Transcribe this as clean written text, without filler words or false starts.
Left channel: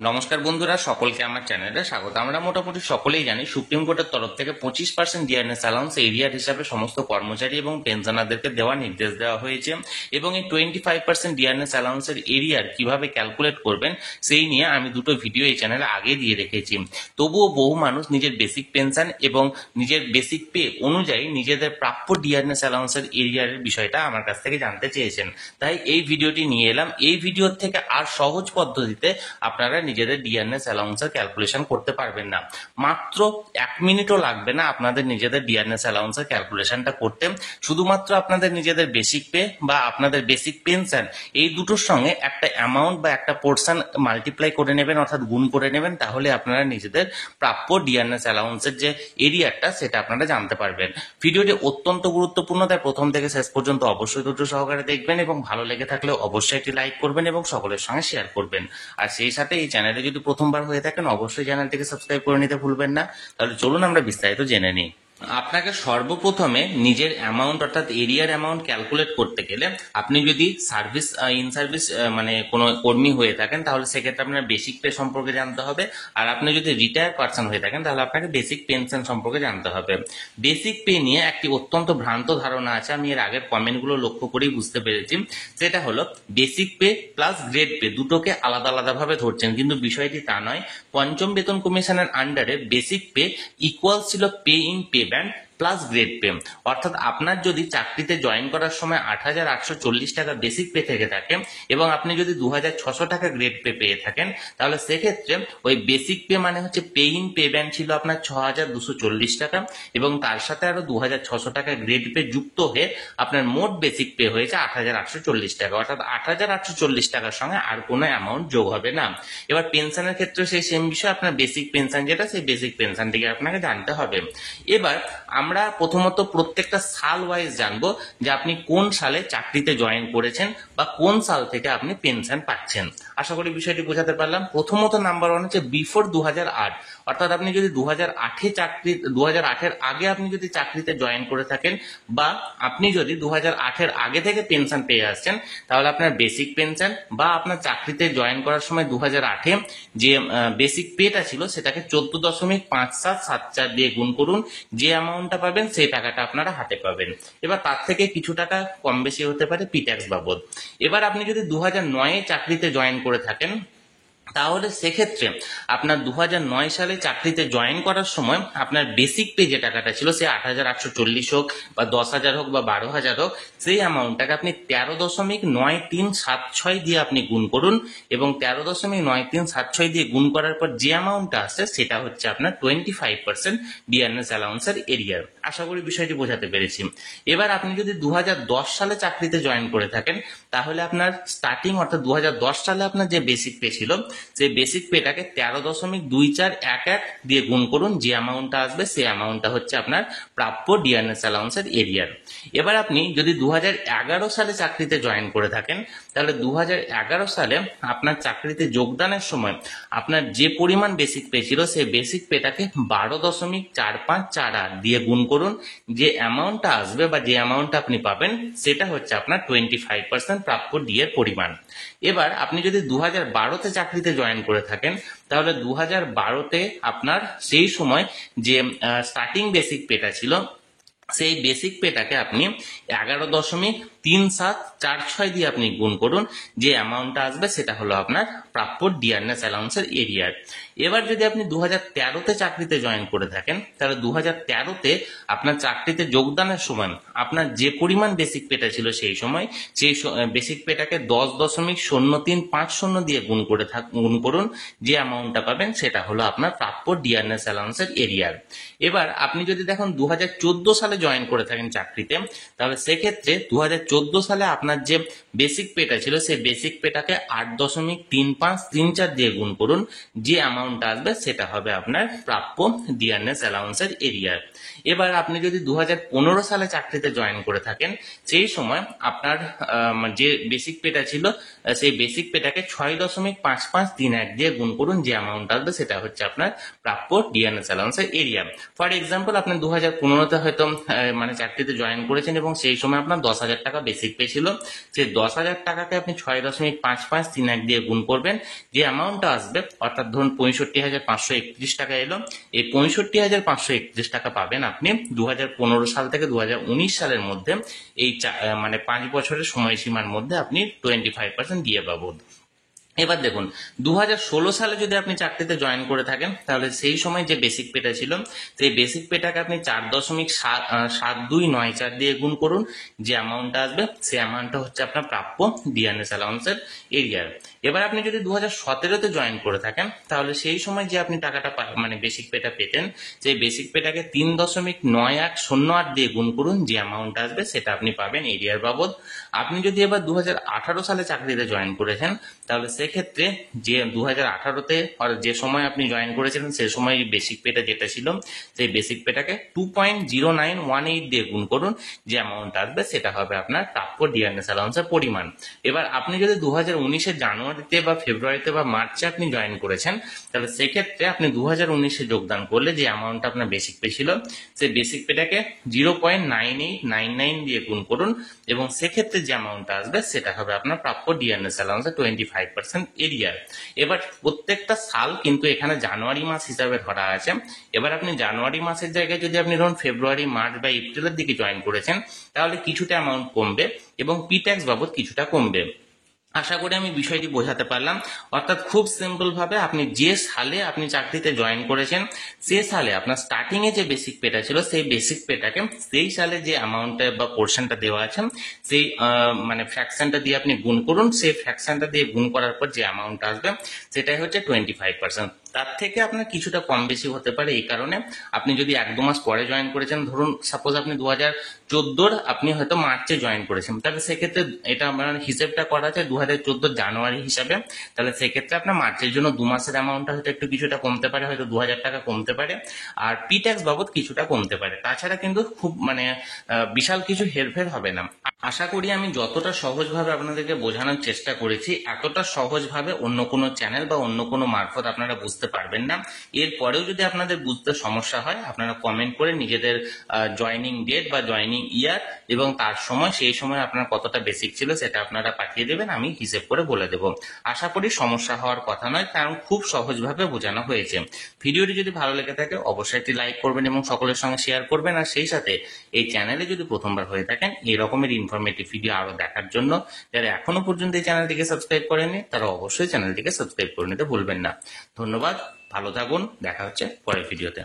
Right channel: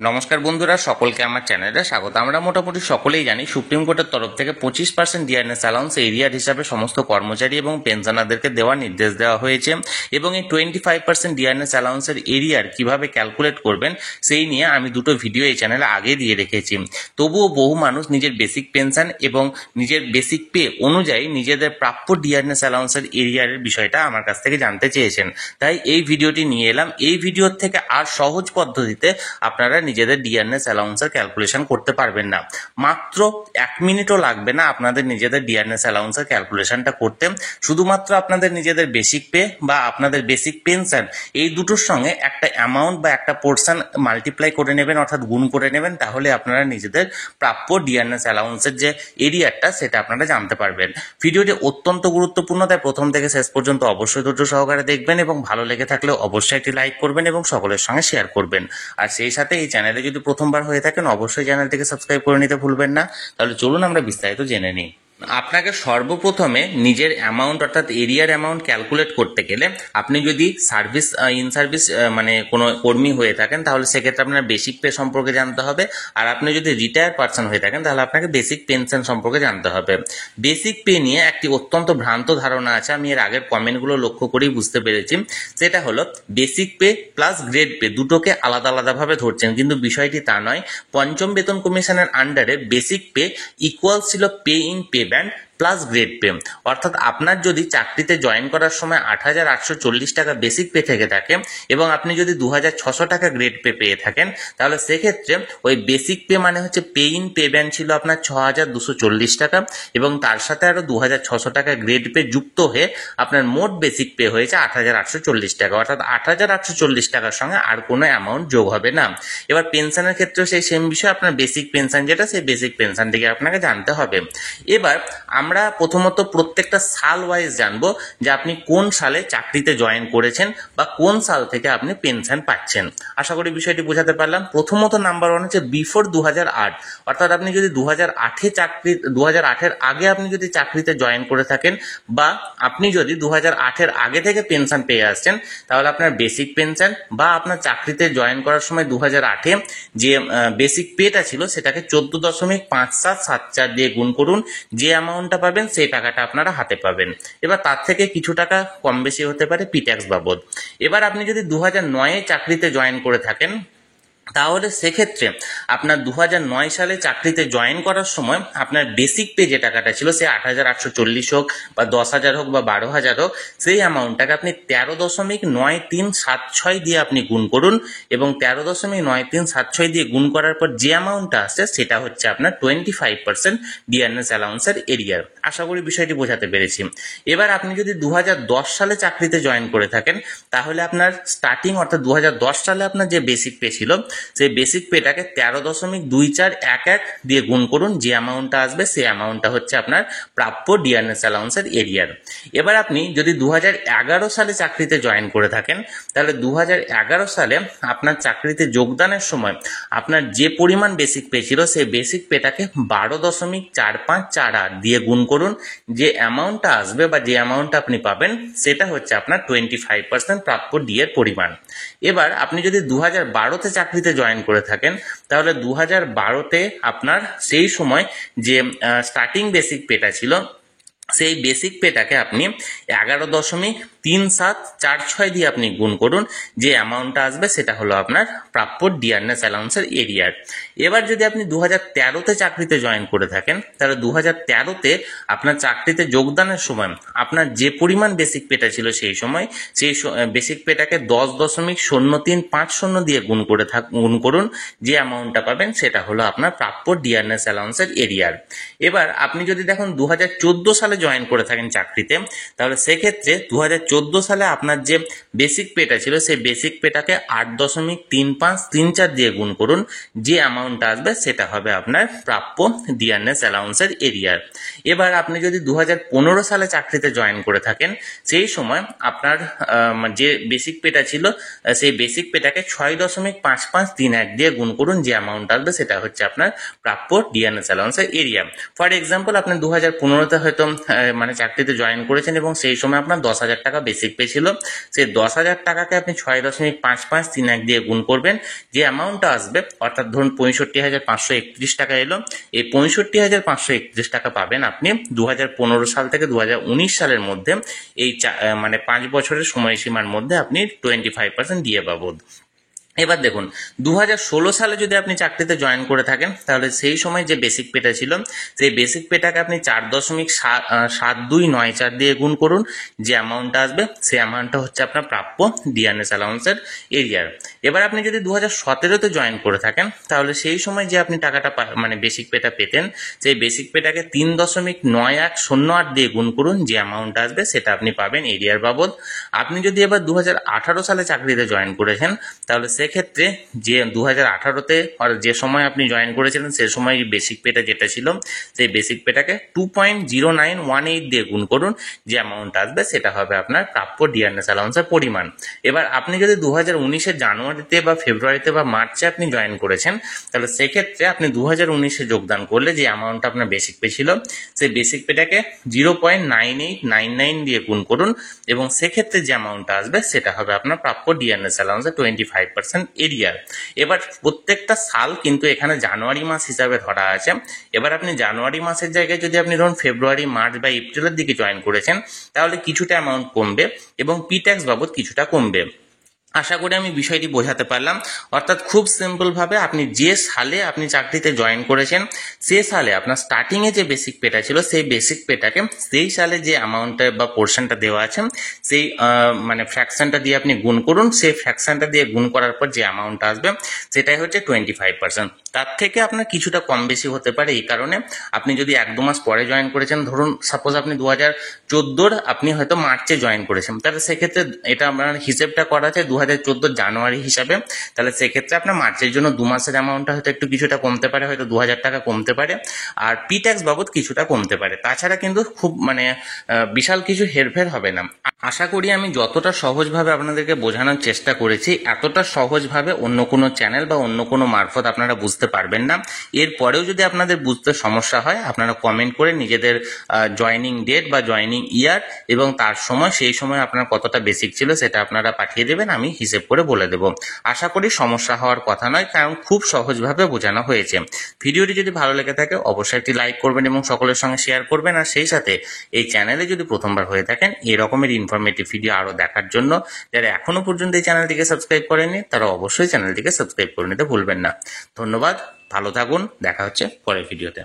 নমস্কার বন্ধুরা, সকলকে আমার চ্যানেলে স্বাগত। আমরা মোটামুটি সকলেই জানি সুপ্রিম কোর্টের তরফ থেকে 25% ডিআরএস অ্যালাউন্স এরিয়ার হিসাবে সমস্ত কর্মচারী এবং পেনশনারদেরকে দেওয়ার নির্দেশ দেওয়া হয়েছে এবং এই 25% ডিআরএস অ্যালাউন্সের এরিয়ার কিভাবে ক্যালকুলেট করবেন সেই নিয়ে আমি দুটো ভিডিও এই চ্যানেলে আগে দিয়ে রেখেছি। তবুও বহু মানুষ নিজের বেসিক পেনশন এবং নিজের বেসিক পে অনুযায়ী নিজেদের প্রাপ্য ডিআরএস অ্যালাউন্সের এরিয়ারের বিষয়টা আমার কাছ থেকে জানতে চেয়েছেন, তাই এই ভিডিওটি নিয়ে এলাম। এই ভিডিওর থেকে আর সহজ পদ্ধতিতে আপনারা নিজেদের ডিআরএস অ্যালাউন্সের ক্যালকুলেশন করতে পারবেন না। মাত্র 1 মিনিটও লাগবে না আপনাদের নিজেদের ডিআরএস অ্যালাউন্সের ক্যালকুলেশনটা করতে। শুধুমাত্র আপনাদের নিজেদের বেসিক পে বা আপনাদের বেসিক পেনশন এই দুটোর সঙ্গে একটা অ্যামাউন্ট বা একটা পোর্শন মাল্টিপ্লাই করে নেবেন, অর্থাৎ গুণ করে নেবেন, তাহলে আপনারা নিজেদের প্রাপ্য ডিআরএস অ্যালাউন্সের যে এরিয়াটা সেটা আপনারা জানতে পারবেন। ভিডিওটি অত্যন্ত গুরুত্বপূর্ণ, তাই প্রথম থেকে শেষ পর্যন্ত অবশ্যই ধৈর্য সহকারে দেখবেন এবং ভালো লেগে থাকলে অবশ্যই একটি লাইক করবেন এবং সকলের সঙ্গে শেয়ার করবেন। আর সেই সাথে এই চ্যানেলে যদি প্রথমবার হয়ে থাকেন অবশ্যই চ্যানেলটিকে সাবস্ক্রাইব করে নিতে ভুলবেন না। তাহলে চলুন আমরা বিস্তারিত জেনে নিই। আপনাকে সর্বপ্রথমে নিজের অ্যামাউন্ট অর্থাৎ এরিয়ার অ্যামাউন্ট ক্যালকুলেট করতে গেলে আপনি যদি সার্ভিস ইন সার্ভিস মানে কোনো কর্মী হয়ে থাকেন তাহলে সেক্ষেত্রে আপনার বেসিক পে সম্পর্কে জানতে হবে, আর আপনি যদি রিটায়ার্ড পারসন হয়ে থাকেন তাহলে আপনাকে বেসিক পেনশন সম্পর্কে জানতে হবে। বেসিক পে নিয়ে একটি অত্যন্ত ভ্রান্ত ধারণা আছে, আমি এর আগের কমেন্টগুলো লক্ষ্য করেই বুঝতে পেরেছি। সেটা হলো basic pay plus grade pay দুটোকে আলাদা আলাদাভাবে ধরছেন, কিন্তু বিষয়টি তা নয়। পঞ্চম বেতন কমিশনের আন্ডারে বেসিক পে ইকুয়াল ছিল pay in pay band plus grade pay, অর্থাৎ আপনার যদি চাকরিতে জয়েন করার সময় 8,840 টাকা বেসিক পে থেকে থাকে এবং আপনি যদি 2,600 টাকা গ্রেড পে পেয়ে থাকেন তাহলে সেক্ষেত্রে ওই বেসিক পে মানে হচ্ছে পে ইন পে ব্যান্ড ছিল আপনার 6,240 টাকা এবং তার সাথে আরো 2,600 টাকা গ্রেড পে যুক্ত হয়ে আপনার মোট বেসিক পে হয়েছে 8,840 টাকা, অর্থাৎ 8,840 টাকার সঙ্গে আর কোনো অ্যামাউন্ট যোগ হবে না। এবার পেনশনের ক্ষেত্রেও সেই সেম বিষয়, আপনার বেসিক পেনশন যেটা সেই বেসিক পেনশনটিকে আপনাকে জানতে হবে। এবার আমরা প্রথমত প্রত্যেকটা সাল ওয়াইজ জানবো যে আপনি কোন সালে চাকরিতে জয়েন করেছেন বা কোন সাল থেকে আপনি পেনশন পাচ্ছেন। আশা করি বিষয়টি বোঝাতে পারলাম। প্রথমত নাম্বার 1 হচ্ছে বিফোর 2008, অর্থাৎ আপনি যদি 2008 আগে আপনি যদি চাকরিতে জয়েন করে থাকেন বা আপনি যদি 2008 আগে থেকে পেনশন পেয়ে আসছেন তাহলে আপনার বেসিক পেনশন বা আপনার চাকরিতে জয়েন করার সময় 2008 যে বেসিক পেটা ছিল সেটাকে 14.5774 দিয়ে গুণ করুন, যে অ্যামাউন্টটা পাবেন সেই টাকাটা আপনারা হাতে পাবেন। এবার তার থেকে কিছু টাকা কম বেশি হতে পারে পিট্যাক্স বাবদ। এবার আপনি যদি 2009 চাকরিতে জয়েন করে থাকেন তাহলে সেক্ষেত্রে আপনার 2009 সালে চাকরিতে জয়েন করার সময় আপনার বেসিক পে যে টাকাটা ছিল সে 8,840 হোক বা 10,000 হোক বা 12,000 হোক, সেই অ্যামাউন্টটাকে আপনি 13.9376 দিয়ে আপনি গুণ করুন এবং 13.9376 দিয়ে গুণ করার পর যে অ্যামাউন্টটা আসছে সেটা হচ্ছে আপনার 25% ডিআরএস অ্যালাউন্সের এরিয়ার। আশা করি বিষয়টি বোঝাতে পেরেছি। এবার আপনি যদি 2010 সালে চাকরিতে জয়েন করে থাকেন তাহলে আপনার স্টার্টিং অর্থাৎ 2010 সালে আপনার যে বেসিক পে ছিল সেই বেসিক পেটাকে 13.2411 দিয়ে গুণ করুন, যে অ্যামাউন্টটা আসবে সেই অ্যামাউন্টটা হচ্ছে আপনার প্রাপ্য ডিআরএস অ্যালাউন্সের এরিয়ার। এবার আপনি যদি 2011 সালে চাকরিতে জয়েন করে থাকেন তাহলে 2011 সালে আপনার চাকরিতে যোগদানের সময় আপনার যে পরিমাণ বেসিক পে ছিল সেই বেসিক পেটাকে 12.4548 দিয়ে গুণ করুন, যে অ্যামাউন্টটা আসবে বা যে অ্যামাউন্টটা আপনি পাবেন সেটা হচ্ছে আপনার 25% প্রাপ্য ডি এর পরিমাণ। এবার আপনি যদি 2012-তে চাকরিতে জয়েন করে থাকেন তাহলে 2012-তে আপনার সেই সময় যে স্টার্টিং বেসিক পেটা ছিল সেই বেসিক পেটাকে আপনি 11.3746 দিয়ে আপনি গুণ করুন, যে অ্যামাউন্টটা আসবে সেটা হলো আপনার প্রাপ্য ডিআরএস অ্যালাউন্সের এরিয়ার। এবার যদি আপনি 2013-তে চাকরিতে জয়েন করে থাকেন তাহলে 2013-তে আপনার চাকরিতে যোগদানের সময় আপনার যে পরিমাণ বেসিক পেটা ছিল সেই সময় সেই বেসিক পেটাকে 10.0350 দিয়ে গুণ করুন, যে অ্যামাউন্টটা পাবেন সেটা হলো আপনার প্রাপ্য ডিআরএস অ্যালাউন্সের এরিয়ার। এবার আপনি যদি দেখুন 2014 সালে জয়েন করে থাকেন চাকরিতে তাহলে সেক্ষেত্রে 2014 সালে আপনার যে বেসিক পেটা ছিল সেই বেসিক পেটাকে 8.3534 দিয়ে গুণ করুন, যে অ্যামাউন্টটা আসবে সেটা হবে আপনার প্রাপ্য ডিআরএস অ্যালাউন্সের এরিয়ার। এবার আপনি যদি 2015 সালে চাকরিতে জয়েন করে থাকেন সেই সময় আপনার যে বেসিক পেটা ছিল সেই বেসিক পেটাকে 6.5531 দিয়ে গুণ করুন, যে অ্যামাউন্ট আসবে সেটা হচ্ছে আপনার প্রাপ্য ডিআরএস অ্যালাউন্সের এরিয়া। ফর এক্সাম্পল আপনি 2015-তে হয়তো মানে চাকরিতে জয়েন করেছেন এবং সেই সময় আপনার 10,000 টাকা বেসিক পে ছিল, সেই 10,000 টাকাকে আপনি 6.5531 দিয়ে গুণ করবেন, যে অ্যামাউন্টটা আসবে অর্থাৎ ধরুন 65,531 টাকা এলো, এই 65,531 টাকা পাবেন আপনি 2015 সাল থেকে 2019 সালের মধ্যে, এই মানে 5 বছরের সময়সীমার মধ্যে আপনি 25% দিয়ে বাবদ। এবার দেখুন 2016 সালে যদি আপনি চাকরিতে জয়েন করে থাকেন তাহলে সেই সময় যে বেসিক পেটা ছিল সেই বেসিক পেটাকে আপনি 4.7294 দিয়ে গুণ করুন, যে অ্যামাউন্টটা আসবে সেই অ্যামাউন্টটা হচ্ছে আপনার প্রাপ্য ডিআরএস অ্যালাউন্সের এরিয়ার। এবার আপনি যদি 2017-তে জয়েন করে থাকেন তাহলে সেই সময় যে আপনি টাকাটা মানে বেসিক পেটা পেতেন সেই বেসিক পেটাকে 3.9108 দিয়ে গুণ করুন, যে অ্যামাউন্টটা আসবে সেটা আপনি পাবেন এরিয়ার বাবদ। আপনি যদি এবার 2018 সালে চাকরিতে জয়েন করেছেন তাহলে সেক্ষেত্রে যে 2018-তে যে সময় আপনি জয়েন করেছিলেন সেই সময় বেসিক পেটা যেটা ছিল সেই বেসিক পেটাকে 2.0918 দিয়ে গুণ করুন, যে অ্যামাউন্ট আসবে সেটা হবে আপনার প্রাপ্য ডিআরএস অ্যালাউন্সের পরিমাণ। এবার আপনি যদি 2019-এর জানুয়ারিতে বা ফেব্রুয়ারিতে বা মার্চে আপনি জয়েন করেছেন তাহলে সেক্ষেত্রে আপনি 2019-এ যোগদান করলে যে অ্যামাউন্ট আপনার বেসিক পে ছিল সেই বেসিক পেটাকে 0.9899 দিয়ে গুণ করুন এবং সেক্ষেত্রে যে অ্যামাউন্টটা আসবে সেটা হবে আপনার প্রাপ্য ডিআরএস অ্যালাউন্সের 25% এরিয়ার। এবার প্রত্যেকটা সাল কিন্তু এখানে জানুয়ারি মাস হিসাবে ধরা আছে। এবার আপনি জানুয়ারি মাসের জায়গায় যদি আপনি ধরুন ফেব্রুয়ারি, মার্চ বা এপ্রিলের দিকে জয়েন করেছেন তাহলে কিছুটা অ্যামাউন্ট কমবে এবং পি ট্যাক্স বাবদ কিছুটা কমবে। আশা করি আমি বিষয়টি বোঝাতে পারলাম। অর্থাৎ খুব সিম্পল ভাবে আপনি যে সালে আপনি চাকরিতে জয়েন করেছেন সে সালে আপনার স্টার্টিং এ যে বেসিক পেটা ছিল সেই বেসিক পেটাকে সেই সালে যে অ্যামাউন্টটা বা পোর্শনটা দেওয়া আছে সেই মানে ফ্র্যাকশনটা দিয়ে আপনি গুণ করুন, সেই ফ্র্যাকশনটা দিয়ে গুণ করার পর যে অ্যামাউন্ট আসবে সেটাই হচ্ছে 25%। তার থেকে আপনার কিছুটা কম বেশি হতে পারে, এই কারণে আপনি যদি 1-2 মাস পরে জয়েন করেছেন, ধরুন সাপোজ আপনি 2014 আপনি হয়তো মার্চে জয়েন করেছেন, তাহলে সেক্ষেত্রে এটা আপনার হিসেবটা করা আছে 2014 জানুয়ারি হিসাবে, তাহলে সেক্ষেত্রে আপনার মার্চের জন্য 2 মাসের অ্যামাউন্টটা হয়তো একটু কিছুটা কমতে পারে, হয়তো 2,000 টাকা কমতে পারে, আর পি ট্যাক্স বাবদ কিছুটা কমতে পারে। তাছাড়া কিন্তু খুব মানে বিশাল কিছু হেরফের হবে না। আশা করি আমি যতটা সহজভাবে আপনাদেরকে বোঝানোর চেষ্টা করেছি এতটা সহজভাবে অন্য কোনো চ্যানেল বা অন্য কোনো মারফত আপনারা বুঝতে পারবেন না। এরপরেও যদি আপনাদের বুঝতে সমস্যা হয় আপনারা কমেন্ট করে নিজেদের জয়নিং ডেট বা জয়নিং ইয়ার এবং তার সময়, সেই সময় আপনার কতটা বেসিক ছিল সেটা আপনারা পাঠিয়ে দেবেন, আমি হিসেব করে বলে দেব। আশা করি সমস্যা হওয়ার কথা নয়, কারণ খুব সহজভাবে বোঝানো হয়েছে। ভিডিওটি যদি ভালো লেগে থাকে অবশ্যই একটি লাইক করবেন এবং সকলের সঙ্গে শেয়ার করবেন, আর সেই সাথে এই চ্যানেলে যদি প্রথমবার হয়ে থাকেন এই রকমের ইনফরমেটিভ ভিডিও আরো দেখার জন্য যারা এখনো পর্যন্ত এই চ্যানেলটিকে সাবস্ক্রাইব করেননি তারা অবশ্যই চ্যানেলটিকে সাবস্ক্রাইব করে নিতে ভুলবেন না। ধন্যবাদ, ভালো থাকুন, দেখা হচ্ছে পরের ভিডিওতে।